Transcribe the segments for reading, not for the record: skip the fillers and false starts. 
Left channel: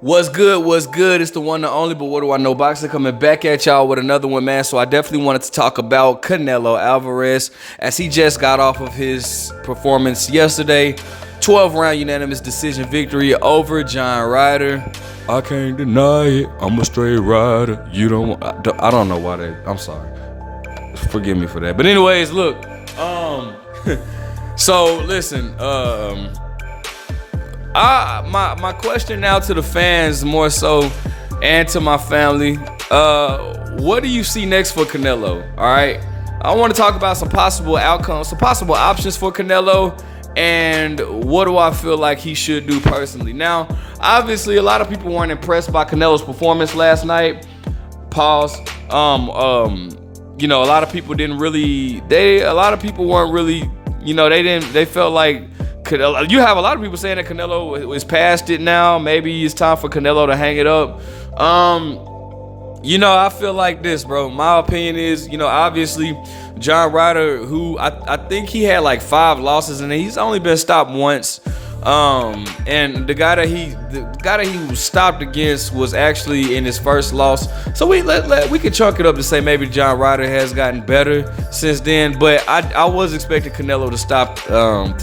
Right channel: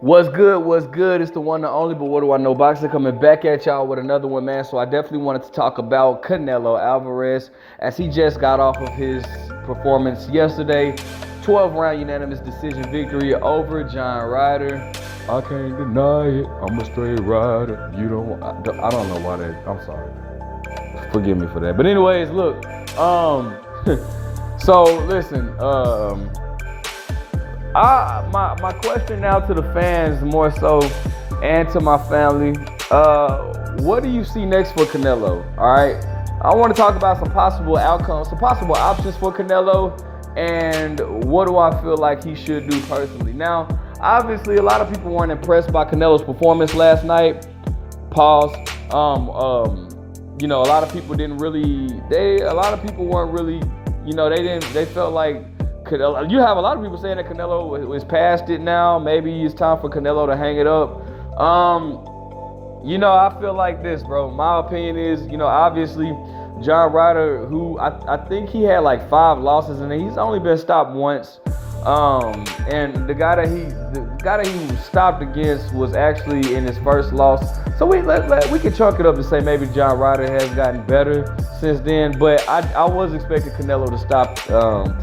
What's good? What's good? It's the one and only, but what do I know? Boxer coming back at y'all with another one, man. So I definitely wanted to talk about Canelo Alvarez as he just got off of his performance yesterday. 12-round unanimous decision victory over John Ryder. I can't deny it. I'm a straight rider. You don't. I don't know why that. I'm sorry. Forgive me for that. But anyways, look. So listen. My question now to the fans more so, and to my family, what do you see next for Canelo? All right, I want to talk about some possible outcomes, some possible options for Canelo, and what do I feel like he should do personally. Now, obviously, a lot of people weren't impressed by Canelo's performance last night. Pause. A lot of people didn't really. A lot of people weren't really. They felt like. You have a lot of people saying that Canelo is past it now. Maybe it's time for Canelo to hang it up. I feel like this, bro. My opinion is, obviously, John Ryder, who I think he had like 5 losses, and he's only been stopped once. And the guy that he was stopped against was actually in his first loss. So we can chunk it up to say maybe John Ryder has gotten better since then. But I was expecting Canelo to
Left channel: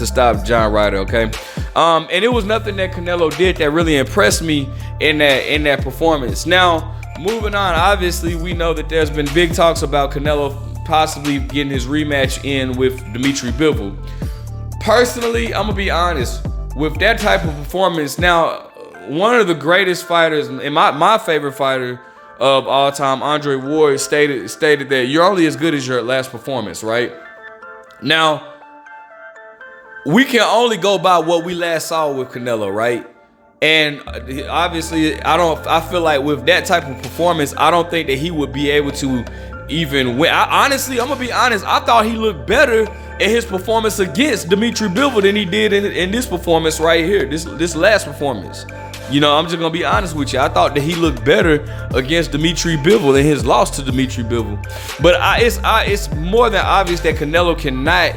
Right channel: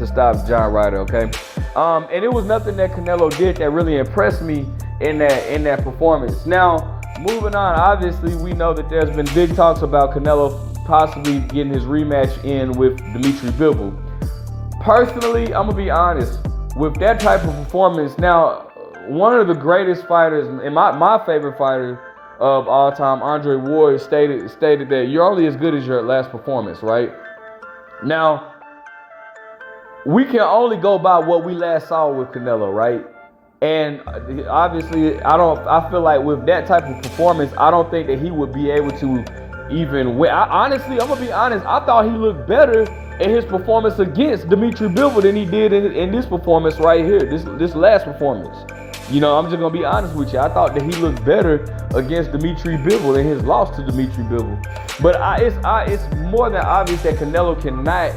stop John Ryder, okay? And it was nothing that Canelo did that really impressed me in that performance. Now, moving on, obviously we know that there's been big talks about Canelo possibly getting his rematch in with Dimitri Bivol. Personally, I'm gonna be honest. With that type of performance, now, one of the greatest fighters, and my favorite fighter of all time, Andre Ward, stated that you're only as good as your last performance, right? Now, we can only go by what we last saw with Canelo, right? And obviously, I feel like with that type of performance, I don't think that he would be able to even win. Honestly, I'm gonna be honest, I thought he looked better in his performance against Dimitri Bivol than he did in this performance right here, this last performance. I'm just gonna be honest with you. I thought that he looked better against Dimitri Bivol in his loss to Dimitri Bivol. But it's more than obvious that Canelo cannot,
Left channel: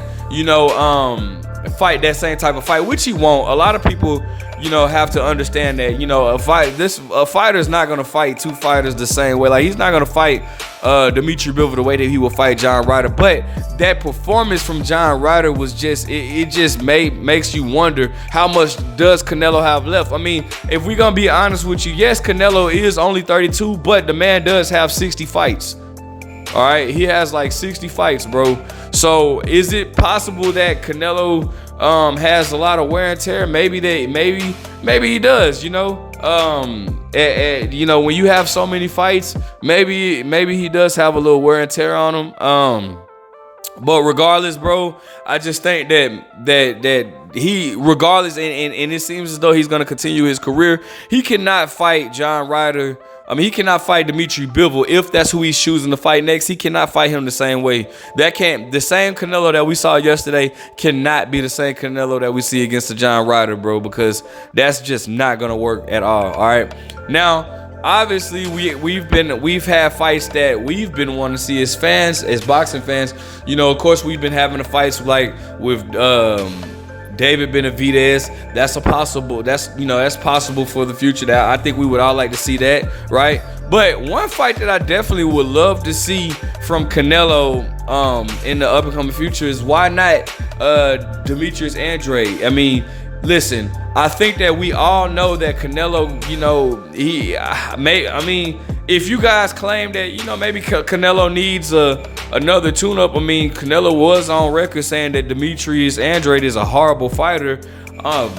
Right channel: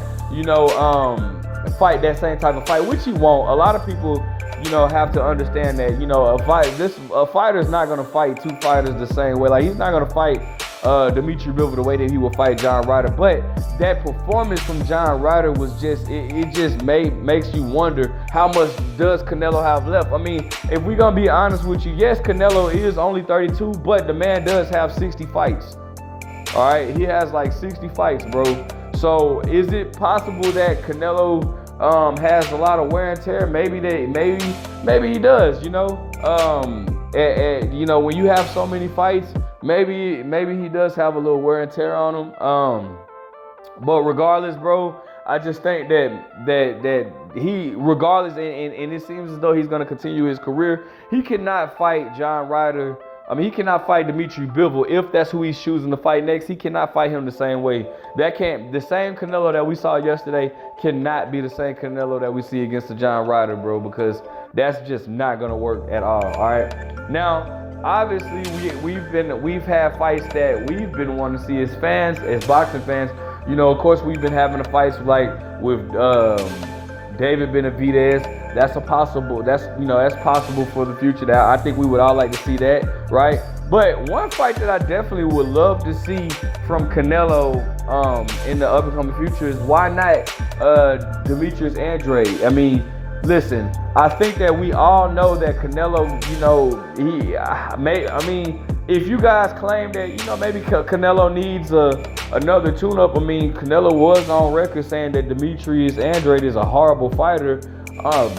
fight that same type of fight, which he won't. A lot of people, have to understand that, a fighter is not gonna fight 2 fighters the same way. Like, he's not gonna fight Dimitri Bivol the way that he will fight John Ryder. But that performance from John Ryder was just, it just makes you wonder how much does Canelo have left. I mean, if we're gonna be honest with you, yes, Canelo is only 32, but the man does have 60 fights. All right, he has like 60 fights, bro. So is it possible that Canelo has a lot of wear and tear? Maybe he does. When you have so many fights, maybe he does have a little wear and tear on him. But regardless, bro, I just think that he, regardless, and it seems as though he's gonna continue his career. He cannot fight John Ryder. I mean, he cannot fight Dimitri Bivol if that's who he's choosing to fight next. He cannot fight him the same way. The same Canelo that we saw yesterday cannot be the same Canelo that we see against the John Ryder, bro, because that's just not gonna work at all. All right. Now, obviously, we've had fights that we've been wanting to see as fans, as boxing fans. Of course, we've been having the fights like with David Benavidez. That's possible for the future. That I think we would all like to see that, right? But one fight that I definitely would love to see from Canelo in the upcoming future is, why not Demetrius Andrade? I mean, listen, I think that we all know that Canelo, if you guys claim that, maybe Canelo needs another tune-up. I mean, Canelo was on record saying that Demetrius Andrade is a horrible fighter.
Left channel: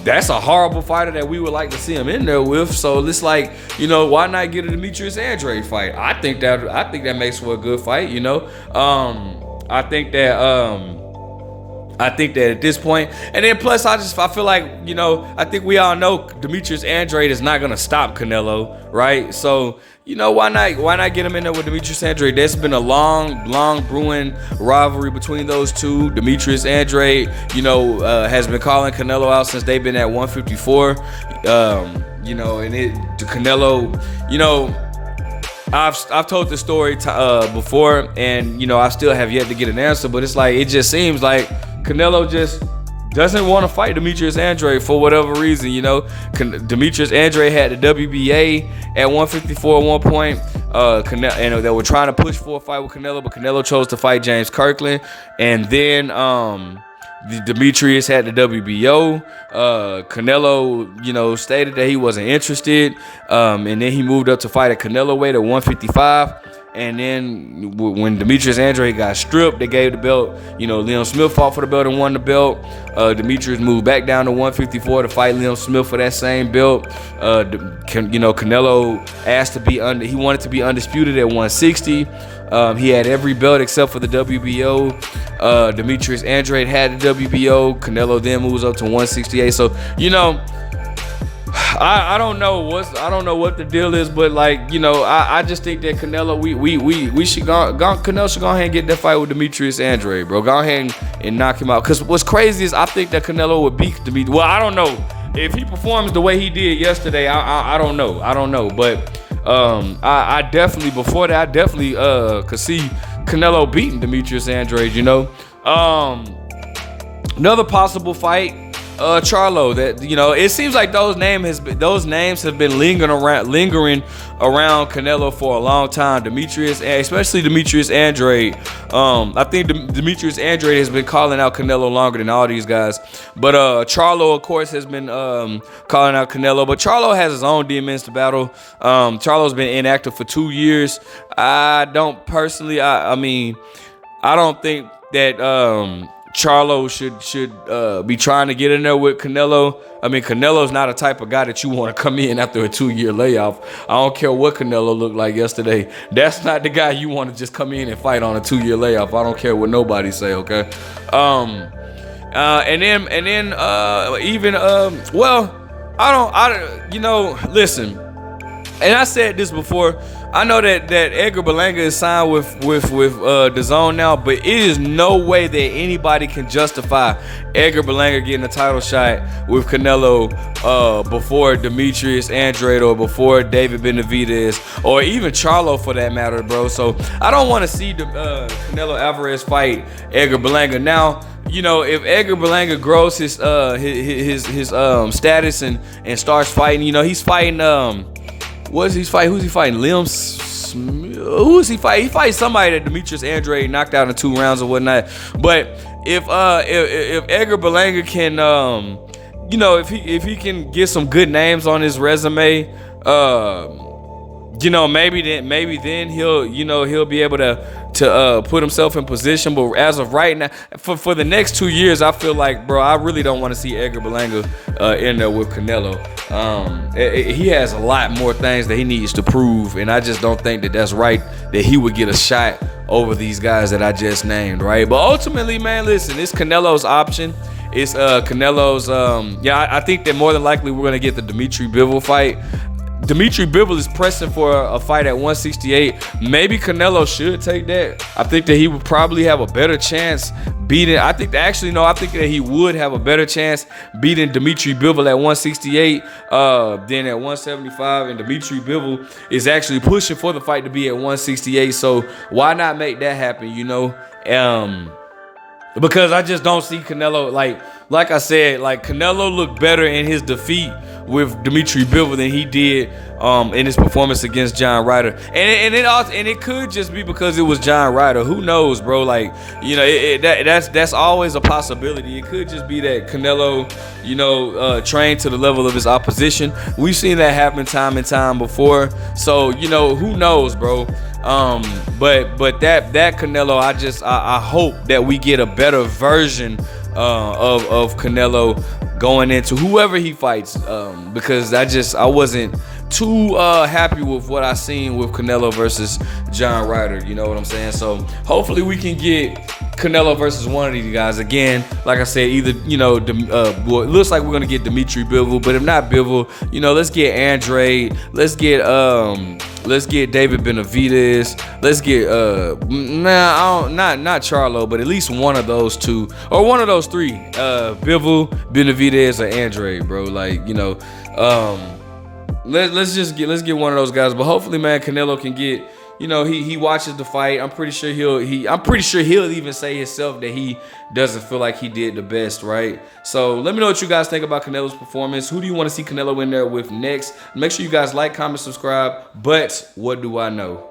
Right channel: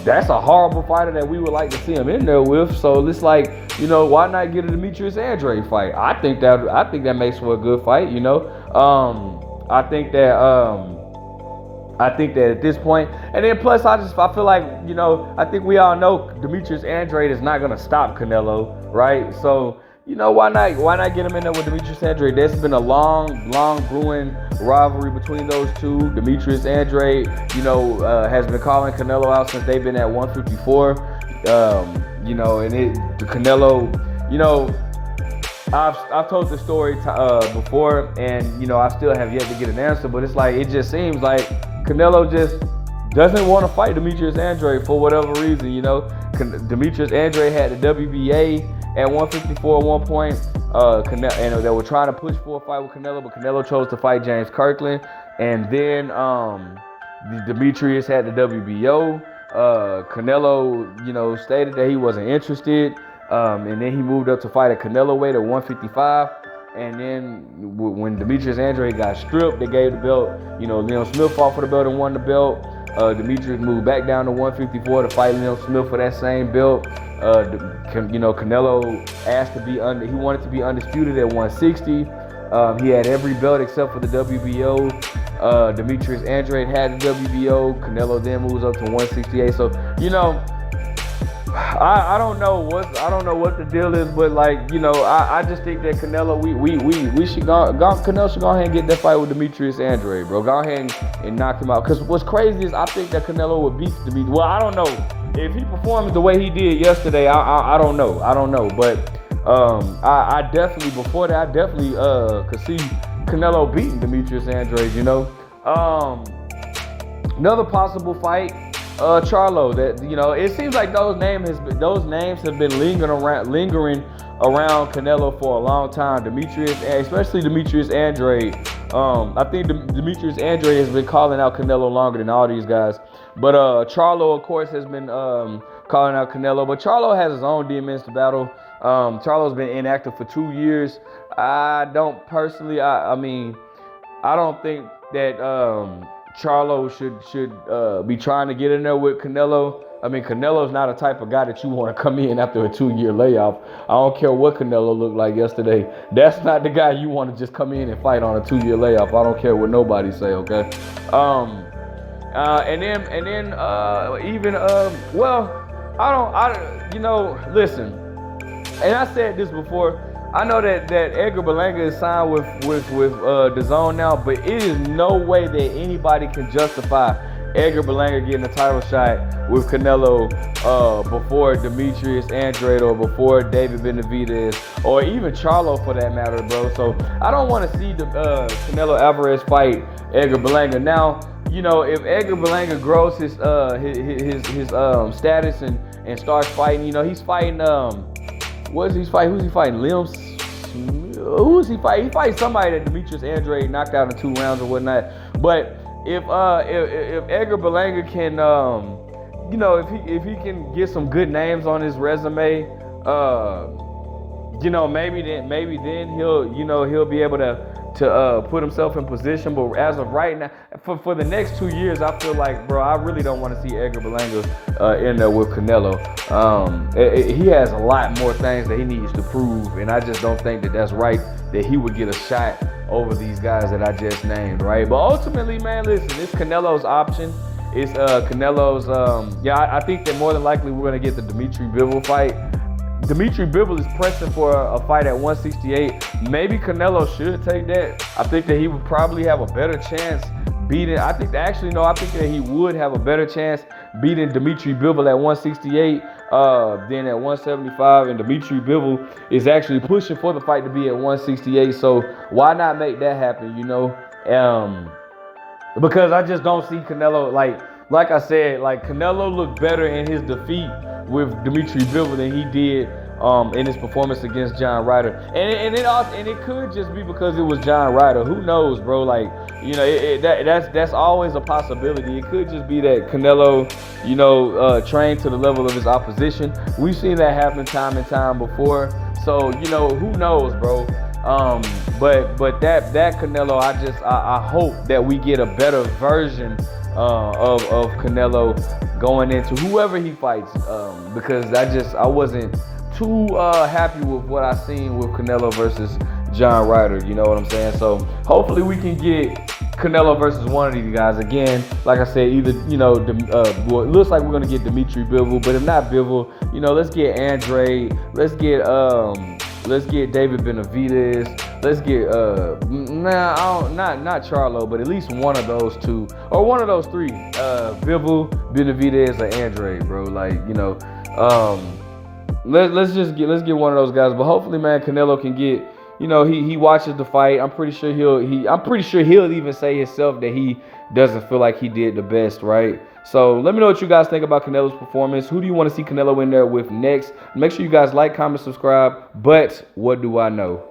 That's a horrible fighter that we would like to see him in there with. So it's like, why not get a Demetrius Andrade fight? I think that makes for a good fight. I think that at this point, and then plus I feel like, I think we all know Demetrius Andrade is not gonna stop Canelo, right? So, why not get him in there with Demetrius Andrade? There's been a long brewing rivalry between those two. Demetrius Andrade, has been calling Canelo out since they've been at 154. Canelo, I've told this story before, and I still have yet to get an answer. But it's like, it just seems like Canelo just doesn't want to fight Demetrius Andrade for whatever reason. You know, Demetrius Andrade had the WBA at 154 at one point. And they were trying to push for a fight with Canelo, but Canelo chose to fight James Kirkland. And then Demetrius had the WBO. Canelo, you know, stated that he wasn't interested. And then he moved up to fight at Canelo weight at 155. And then when Demetrius Andrade got stripped, they gave the belt. You know, Liam Smith fought for the belt and won the belt. Demetrius moved back down to 154 to fight Liam Smith for that same belt. You know, Canelo asked to be he wanted to be undisputed at 160. He had every belt except for the WBO. Demetrius Andrade had the WBO. Canelo then moves up to 168. So, you know, I don't know what the deal is, but like, you know, I just think that Canelo, we should Canelo should go ahead and get that fight with Demetrius Andrade, bro. Go ahead and knock him out. Cause what's crazy is I think that Canelo would beat Demetrius. Well, I don't know if he performs the way he did yesterday. I don't know, but I definitely could see Canelo beating Demetrius Andrade. You know, another possible fight. Charlo, that, you know, it seems like those names have been lingering around Canelo for a long time. Especially Demetrius Andrade. I think Demetrius Andrade has been calling out Canelo longer than all these guys. But Charlo, of course, has been calling out Canelo. But Charlo has his own demons to battle. Charlo's been inactive for 2 years. I don't think that Charlo should be trying to get in there with Canelo. I mean, Canelo's not a type of guy that you want to come in after a 2-year layoff. I don't care what Canelo looked like yesterday. That's not the guy you want to just come in and fight on a 2-year layoff. I don't care what nobody say, okay? Listen. And I said this before. I know that Edgar Berlanga is signed with DAZN now, but it is no way that anybody can justify Edgar Berlanga getting a title shot with Canelo before Demetrius Andrade or before David Benavidez or even Charlo for that matter, bro. So I don't want to see Canelo Alvarez fight Edgar Berlanga. Now, you know, if Edgar Berlanga grows his status and starts fighting, you know, he's fighting who's he fighting? Liam Smith? Who is he fighting? He fights somebody that Demetrius Andrade knocked out in 2 rounds or whatnot. But if Edgar Berlanga can, you know, if he can get some good names on his resume, you know, maybe then he'll be able to put himself in position. But as of right now, for the next 2 years, I feel like, bro, I really don't want to see Edgar Berlanga in there with Canelo. He has a lot more things that he needs to prove, and I just don't think that that's right that he would get a shot over these guys that I just named, right? But ultimately, man, listen, it's Canelo's option. It's Canelo's. I think that more than likely we're gonna get the Dimitri Bivol fight. Dimitri Bivol is pressing for a fight at 168. Maybe Canelo should take that. I think that he would probably have a better chance beating. I think that he would have a better chance beating Dimitri Bivol at 168 than at 175. And Dimitri Bivol is actually pushing for the fight to be at 168. So why not make that happen? You know, because I just don't see Canelo like I said, like Canelo looked better in his defeat with Dimitri Bivol than he did in his performance against John Ryder. And it could just be because it was John Ryder. Who knows, bro? Like, you know, that's always a possibility. It could just be that Canelo, you know, trained to the level of his opposition. We've seen that happen time and time before. So, you know, who knows, bro? But that Canelo, I hope that we get a better version of Canelo going into whoever he fights, because I wasn't too happy with what I seen with Canelo versus John Ryder. You know what I'm saying? So hopefully we can get Canelo versus one of these guys again. Like I said, either, you know, well, it looks like we're gonna get Dimitri Bivol, but if not Bivol, you know, let's get Andrade, let's get David Benavidez, let's get not Charlo, but at least one of those two or one of those three, Bivol, Benavidez, or Andrade, bro. Like, you know, let's get one of those guys. But hopefully, man, Canelo can get he watches the fight. I'm pretty sure he'll even say himself that he doesn't feel like he did the best, right? So let me know what you guys think about Canelo's performance. Who do you want to see Canelo in there with next? Make sure you guys like, comment, subscribe. But what do I know?